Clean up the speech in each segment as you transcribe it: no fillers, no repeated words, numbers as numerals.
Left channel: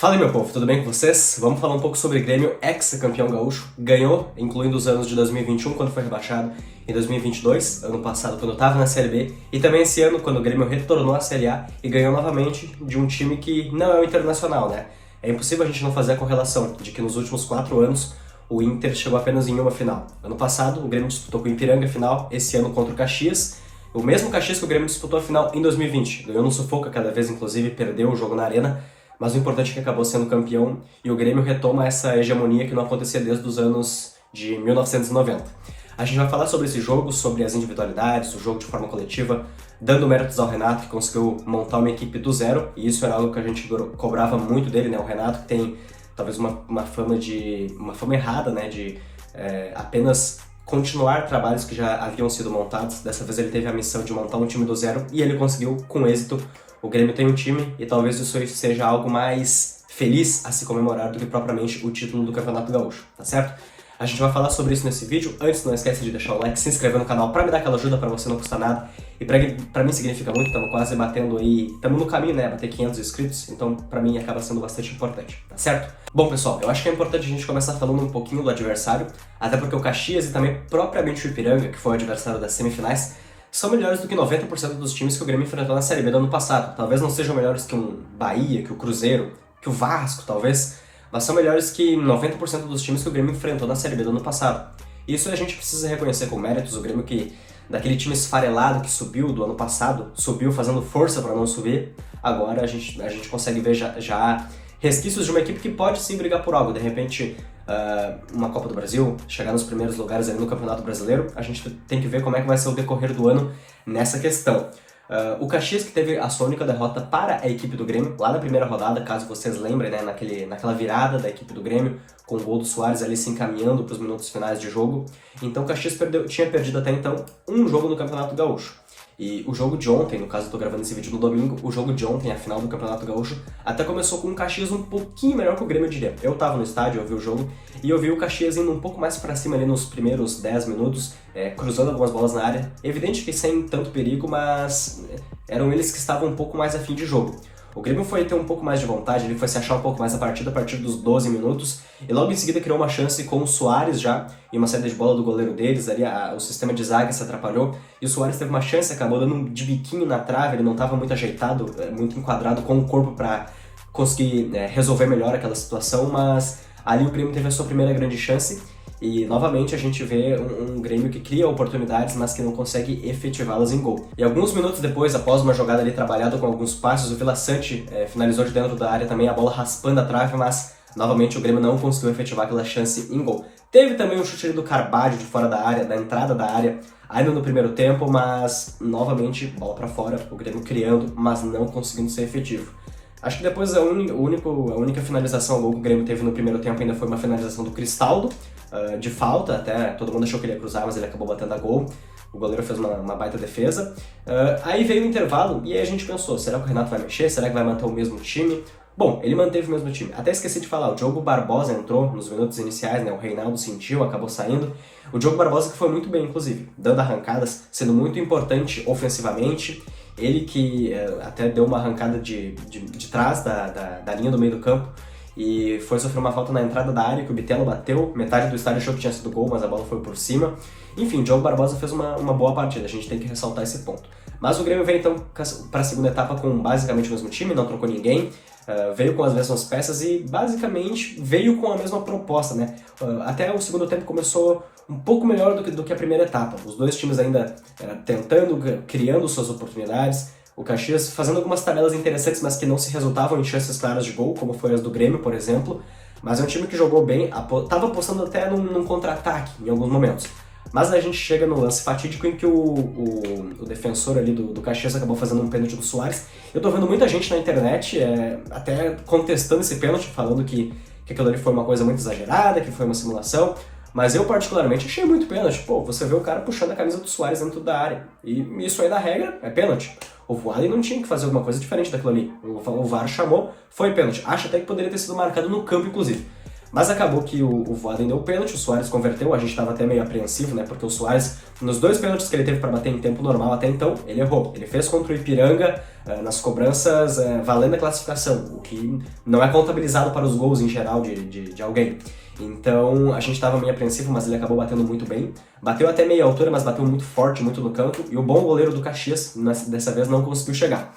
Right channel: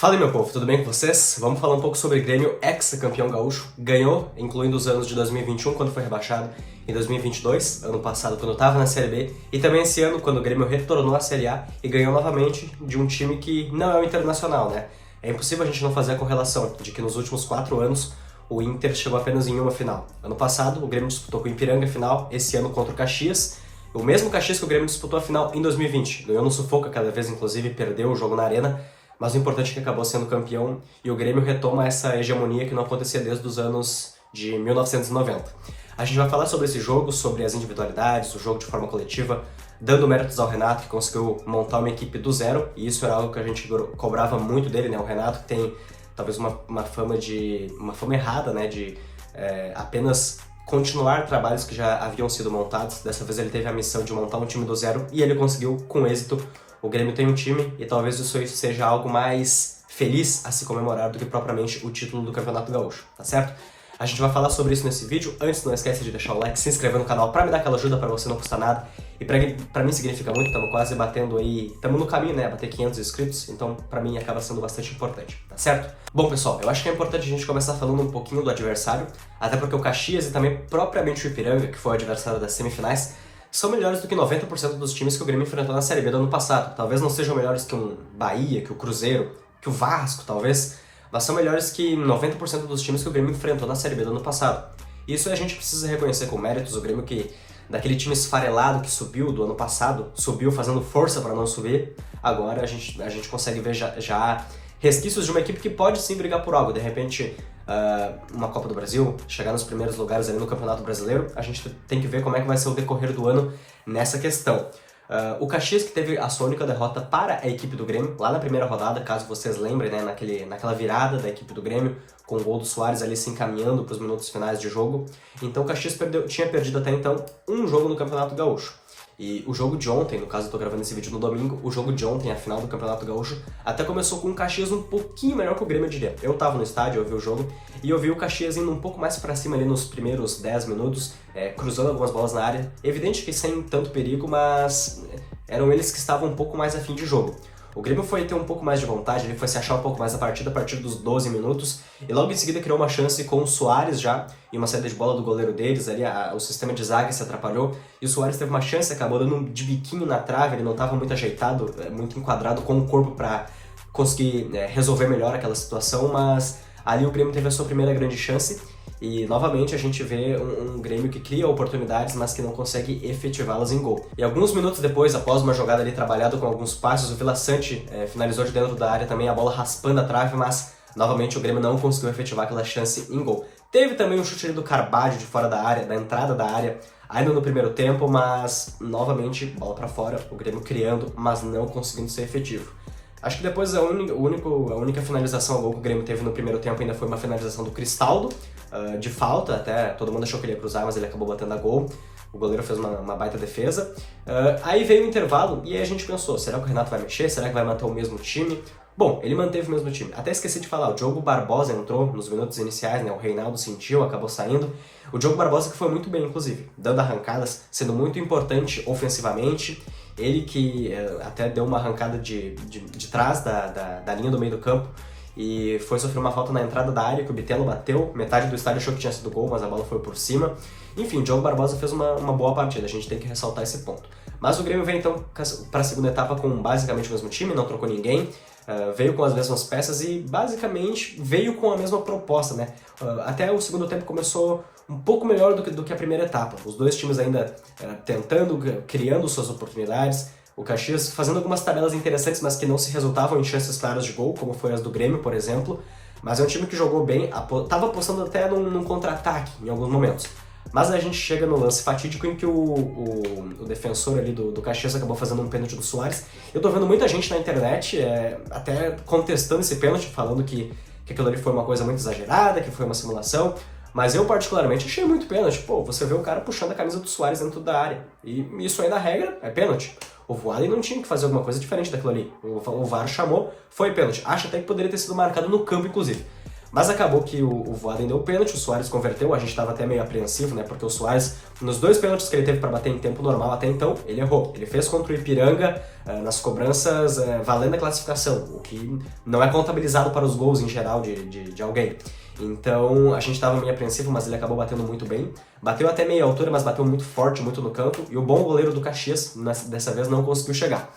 Fala aí, meu povo, tudo bem com vocês? Vamos falar um pouco sobre Grêmio, ex-campeão gaúcho. Ganhou, incluindo os anos de 2021, quando foi rebaixado, em 2022, ano passado, quando estava na Série B, e também esse ano, quando o Grêmio retornou à Série A e ganhou novamente de um time que não é o Internacional, né? É impossível a gente não fazer a correlação de que nos últimos 4 anos o Inter chegou apenas em uma final. Ano passado, o Grêmio disputou com o Ipiranga a final, esse ano contra o Caxias. O mesmo Caxias que o Grêmio disputou a final em 2020. Ganhou no sufoco cada vez, inclusive, perdeu o jogo na Arena. Mas o importante é que acabou sendo campeão e o Grêmio retoma essa hegemonia que não acontecia desde os anos de 1990. A gente vai falar sobre esse jogo, sobre as individualidades, o jogo de forma coletiva, dando méritos ao Renato, que conseguiu montar uma equipe do zero, e isso era algo que a gente cobrava muito dele, né? O Renato que tem talvez uma fama errada, né? De apenas continuar trabalhos que já haviam sido montados. Dessa vez ele teve a missão de montar um time do zero e ele conseguiu com êxito. O Grêmio tem um time e talvez isso seja algo mais feliz a se comemorar do que propriamente o título do Campeonato Gaúcho, tá certo? A gente vai falar sobre isso nesse vídeo. Antes, não esquece de deixar o like, se inscrever no canal pra me dar aquela ajuda, pra você não custar nada. E pra mim significa muito, estamos quase batendo aí, estamos no caminho, né, bater 500 inscritos, então pra mim acaba sendo bastante importante, tá certo? Bom, pessoal, eu acho que é importante a gente começar falando um pouquinho do adversário, até porque o Caxias e também propriamente o Ipiranga, que foi o adversário das semifinais, são melhores do que 90% dos times que o Grêmio enfrentou na Série B do ano passado. Talvez não sejam melhores que um Bahia, que o Cruzeiro, que o Vasco, talvez, mas são melhores que 90% dos times que o Grêmio enfrentou na Série B do ano passado. Isso a gente precisa reconhecer com méritos. O Grêmio que, daquele time esfarelado que subiu do ano passado, subiu fazendo força para não subir, agora a gente consegue ver já resquícios de uma equipe que pode sim brigar por algo. De repente, uma Copa do Brasil, chegar nos primeiros lugares ali no Campeonato Brasileiro, a gente tem que ver como é que vai ser o decorrer do ano nessa questão. O Caxias que teve a sua única derrota para a equipe do Grêmio, lá na primeira rodada, caso vocês lembrem, né, naquela virada da equipe do Grêmio, com o gol do Soares ali se encaminhando para os minutos finais de jogo. Então o Caxias tinha perdido até então um jogo no Campeonato Gaúcho. E o jogo de ontem, no caso eu tô gravando esse vídeo no domingo, o jogo de ontem, a final do Campeonato Gaúcho, até começou com o Caxias um pouquinho melhor que o Grêmio, eu diria. Eu tava no estádio, eu vi o jogo, e eu vi o Caxias indo um pouco mais pra cima ali nos primeiros 10 minutos, cruzando algumas bolas na área. Evidente que sem tanto perigo, mas eram eles que estavam um pouco mais afim de jogo. O Grêmio foi ter um pouco mais de vontade, ele foi se achar um pouco mais a partir dos 12 minutos, e logo em seguida criou uma chance com o Soares já, e uma saída de bola do goleiro deles, ali o sistema de zaga se atrapalhou, e o Soares teve uma chance, acabou dando de biquinho na trave, ele não estava muito ajeitado, muito enquadrado com o corpo para conseguir resolver melhor aquela situação, mas ali o Grêmio teve a sua primeira grande chance, e novamente a gente vê um Grêmio que cria oportunidades, mas que não consegue efetivá-las em gol. E alguns minutos depois, após uma jogada ali trabalhada com alguns passos, o Vila Sante finalizou de dentro da área também, a bola raspando a trave, mas novamente o Grêmio não conseguiu efetivar aquela chance em gol. Teve também um chute ali do Carbajo de fora da área, da entrada da área, ainda no primeiro tempo, mas novamente bola pra fora, o Grêmio criando, mas não conseguindo ser efetivo. Acho que depois a única finalização ao gol que o Grêmio teve no primeiro tempo ainda foi uma finalização do Cristaldo, de falta, até todo mundo achou que ele ia cruzar, mas ele acabou batendo a gol. O goleiro fez uma baita defesa. Aí veio o intervalo e aí a gente pensou, será que o Renato vai mexer? Será que vai manter o mesmo time? Bom, ele manteve o mesmo time. Até esqueci de falar, o Diogo Barbosa entrou nos minutos iniciais, né? O Reinaldo sentiu, acabou saindo. O Diogo Barbosa que foi muito bem, inclusive, dando arrancadas, sendo muito importante ofensivamente. Ele que até deu uma arrancada de trás da linha do meio do campo e foi sofrer uma falta na entrada da área que o Bitelo bateu, metade do estádio achou que tinha sido gol, mas a bola foi por cima. Enfim, o Diogo Barbosa fez uma boa partida, a gente tem que ressaltar esse ponto. Mas o Grêmio veio então para a segunda etapa com basicamente o mesmo time, não trocou ninguém, veio com as mesmas peças e basicamente veio com a mesma proposta, né? Até o segundo tempo começou um pouco melhor do que a primeira etapa, os dois times ainda tentando, criando suas oportunidades. O Caxias fazendo algumas tabelas interessantes, mas que não se resultavam em chances claras de gol, como foi as do Grêmio, por exemplo. Mas é um time que jogou bem, estava apostando até num contra-ataque em alguns momentos. Mas a gente chega no lance fatídico em que o defensor ali do Caxias acabou fazendo um pênalti do Soares. Eu tô vendo muita gente na internet até contestando esse pênalti, falando que aquilo ali foi uma coisa muito exagerada, que foi uma simulação. Mas eu particularmente achei muito pênalti. Pô, você vê o cara puxando a camisa do Soares dentro da área. E isso aí na regra é pênalti. O Voaden não tinha que fazer alguma coisa diferente daquilo ali. O VAR chamou, foi pênalti. Acho até que poderia ter sido marcado no campo, inclusive. Mas acabou que o Voaden deu o pênalti, o Suárez converteu, a gente estava até meio apreensivo, né? Porque o Suárez, nos 2 pênaltis que ele teve para bater em tempo normal até então, ele errou. Ele fez contra o Ipiranga nas cobranças valendo a classificação, o que não é contabilizado para os gols em geral de alguém. Então a gente estava meio apreensivo, mas ele acabou batendo muito bem. Bateu até meia altura, mas bateu muito forte, muito no canto. E o bom goleiro do Caxias, dessa vez, não conseguiu chegar.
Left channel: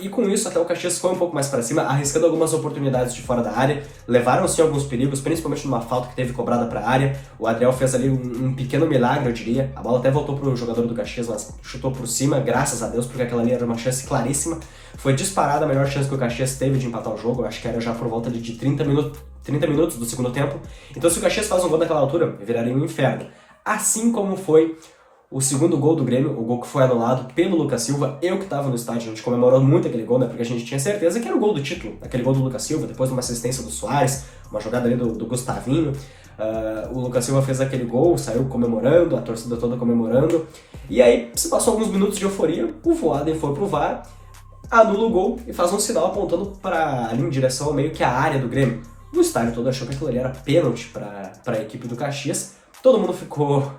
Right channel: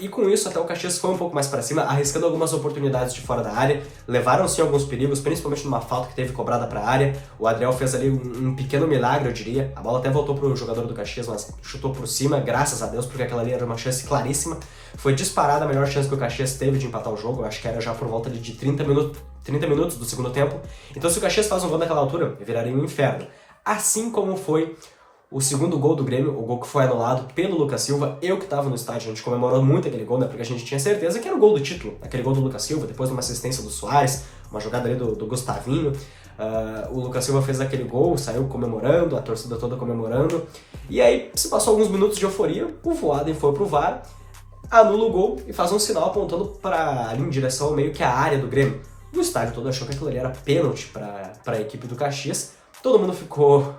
E com isso, até o Caxias foi um pouco mais para cima, arriscando algumas oportunidades de fora da área. Levaram sim alguns perigos, principalmente numa falta que teve cobrada para a área. O Adriel fez ali um pequeno milagre, eu diria. A bola até voltou pro jogador do Caxias, mas chutou por cima, graças a Deus, porque aquela ali era uma chance claríssima. Foi disparada a melhor chance que o Caxias teve de empatar o jogo. Eu acho que era já por volta de 30 minutos do segundo tempo. Então, se o Caxias faz um gol naquela altura, viraria um inferno. Assim como foi o segundo gol do Grêmio, o gol que foi anulado pelo Lucas Silva. Eu que tava no estádio, a gente comemorou muito aquele gol, né? Porque a gente tinha certeza que era o gol do título. Aquele gol do Lucas Silva, depois de uma assistência do Suárez, uma jogada ali do Gustavinho. O Lucas Silva fez aquele gol, saiu comemorando, a torcida toda comemorando. E aí, se passou alguns minutos de euforia, o Voaden foi pro VAR, anula o gol e faz um sinal apontando ali em direção meio que à área do Grêmio. O estádio todo achou que aquilo ali era pênalti para a equipe do Caxias. Todo mundo ficou,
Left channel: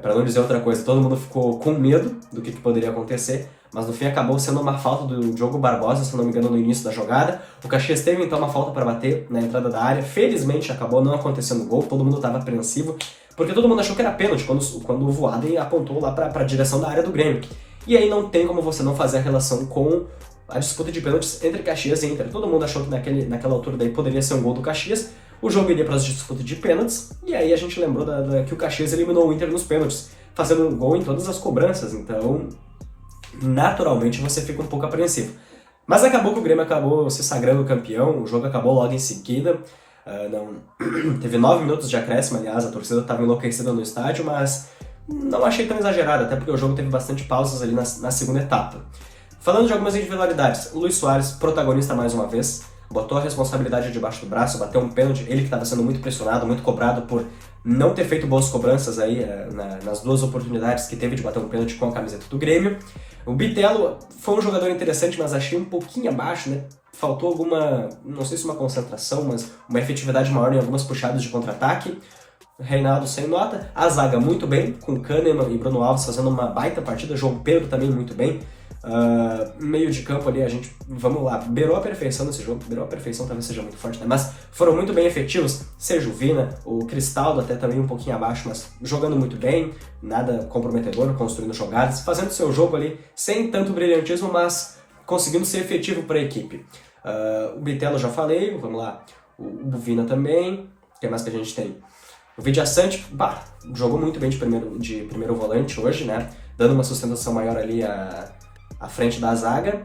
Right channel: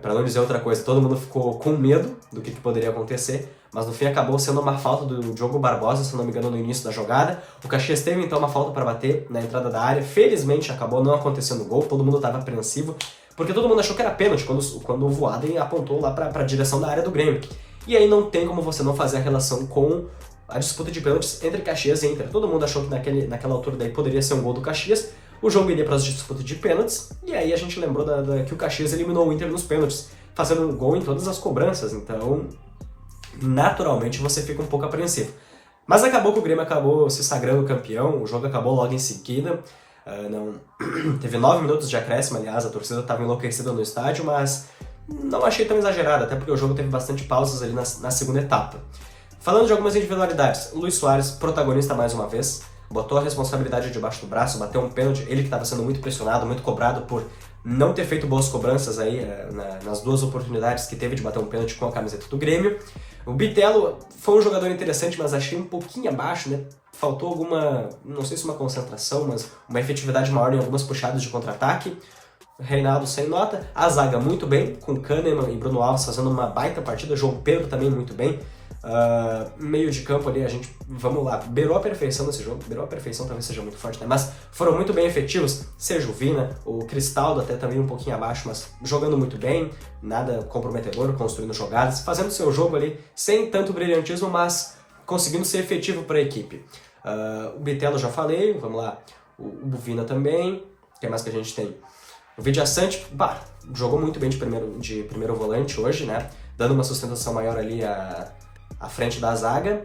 para não dizer outra coisa, todo mundo ficou com medo do que poderia acontecer, mas no fim acabou sendo uma falta do Diogo Barbosa, se não me engano, no início da jogada. O Caxias teve então uma falta para bater na entrada da área, felizmente acabou não acontecendo o gol, todo mundo estava apreensivo, porque todo mundo achou que era pênalti quando o Voaden apontou lá para a direção da área do Grêmio. E aí não tem como você não fazer a relação com a disputa de pênaltis entre Caxias e Inter. Todo mundo achou que naquela altura daí poderia ser um gol do Caxias, o jogo iria para as disputas de pênaltis, e aí a gente lembrou que o Caxias eliminou o Inter nos pênaltis, fazendo gol em todas as cobranças, então naturalmente você fica um pouco apreensivo. Mas acabou que o Grêmio acabou se sagrando campeão, o jogo acabou logo em seguida, teve 9 minutos de acréscimo, aliás, a torcida estava enlouquecida no estádio, mas não achei tão exagerado, até porque o jogo teve bastante pausas ali na segunda etapa. Falando de algumas individualidades, o Luis Suárez, protagonista mais uma vez, botou a responsabilidade debaixo do braço, bateu um pênalti, ele que estava sendo muito pressionado, muito cobrado por não ter feito boas cobranças aí nas 2 oportunidades que teve de bater um pênalti com a camiseta do Grêmio. O Bitelo foi um jogador interessante, mas achei um pouquinho abaixo, né? Faltou alguma, não sei se uma concentração, mas uma efetividade maior em algumas puxadas de contra-ataque. Reinaldo sem nota, a zaga muito bem, com Kahneman e Bruno Alves fazendo uma baita partida, João Pedro também muito bem. Meio de campo ali, a gente, vamos lá, beirou a perfeição nesse jogo, beirou a perfeição talvez seja muito forte, né? Mas foram muito bem efetivos, seja o Vina, o Cristaldo até também um pouquinho abaixo, mas jogando muito bem, nada comprometedor, construindo jogadas, fazendo seu jogo ali, sem tanto brilhantismo, mas conseguindo ser efetivo para a equipe. O Bitelo já falei, vamos lá, o Vina também, o que mais que a gente tem? O Vidiaçante, jogou muito bem de primeiro volante hoje, né? Dando uma sustentação maior ali à frente da zaga.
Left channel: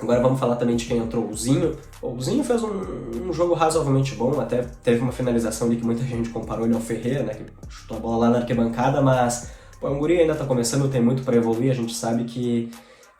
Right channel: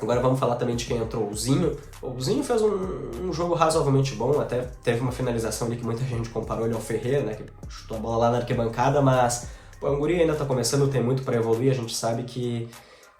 Agora vamos falar também de quem entrou, o Zinho. O Zinho fez um jogo razoavelmente bom, até teve uma finalização ali que muita gente comparou ele ao Ferreira, né? Que chutou a bola lá na arquibancada, mas o guri ainda tá começando, tem muito para evoluir, a gente sabe que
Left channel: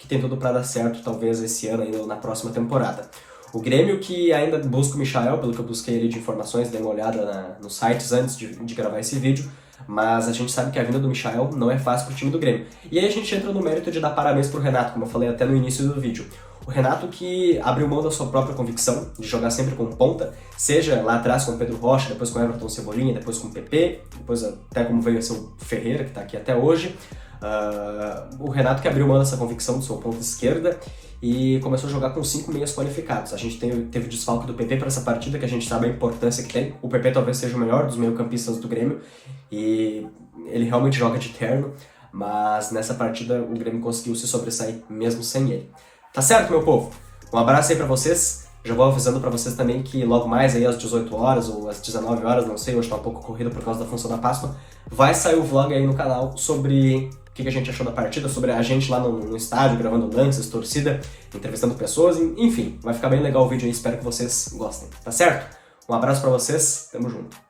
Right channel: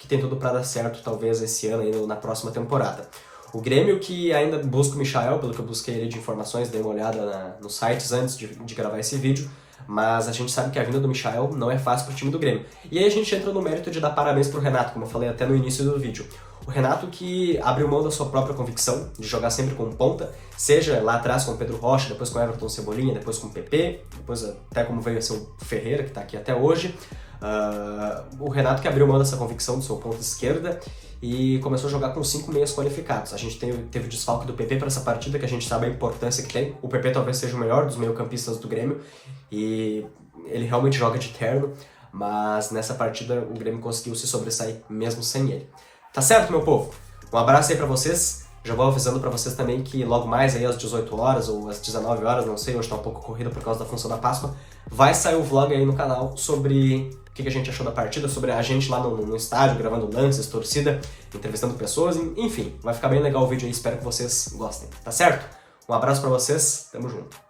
tem tudo para dar certo, talvez esse ano ainda na próxima temporada. O Grêmio que ainda busca o Michael, pelo que eu busquei ali de informações, dei uma olhada nos sites antes de gravar esse vídeo, mas a gente sabe que a vinda do Michael não é fácil pro time do Grêmio. E aí a gente entra no mérito de dar parabéns pro Renato, como eu falei até no início do vídeo. O Renato que abriu mão da sua própria convicção de jogar sempre com ponta, seja lá atrás com o Pedro Rocha, depois com o Everton Cebolinha, depois com o PP, depois até como veio a ser o Ferreira, que tá aqui até hoje. O Renato que abriu mão dessa convicção do seu ponta esquerda e começou a jogar com 5 meias qualificados. A gente teve o desfalque do PP para essa partida, que a gente sabe a importância que tem. O PP talvez seja o melhor dos meio-campistas do Grêmio e ele realmente joga de terno, mas nessa partida o Grêmio conseguiu se sobressair mesmo sem ele. Tá certo, meu povo? Um abraço aí pra vocês. Já vou avisando pra vocês também que logo mais aí às 18 horas ou às 19 horas, não sei, hoje tá um pouco corrido por causa da função da Páscoa, vai sair o vlog aí no canal sobre o que a gente achou da partida, sobre a gente lá no estádio, gravando lances, torcida, entrevistando pessoas, enfim, vai ficar bem legal o vídeo aí, espero que vocês gostem, tá certo? Um abraço pra vocês, tamo junto.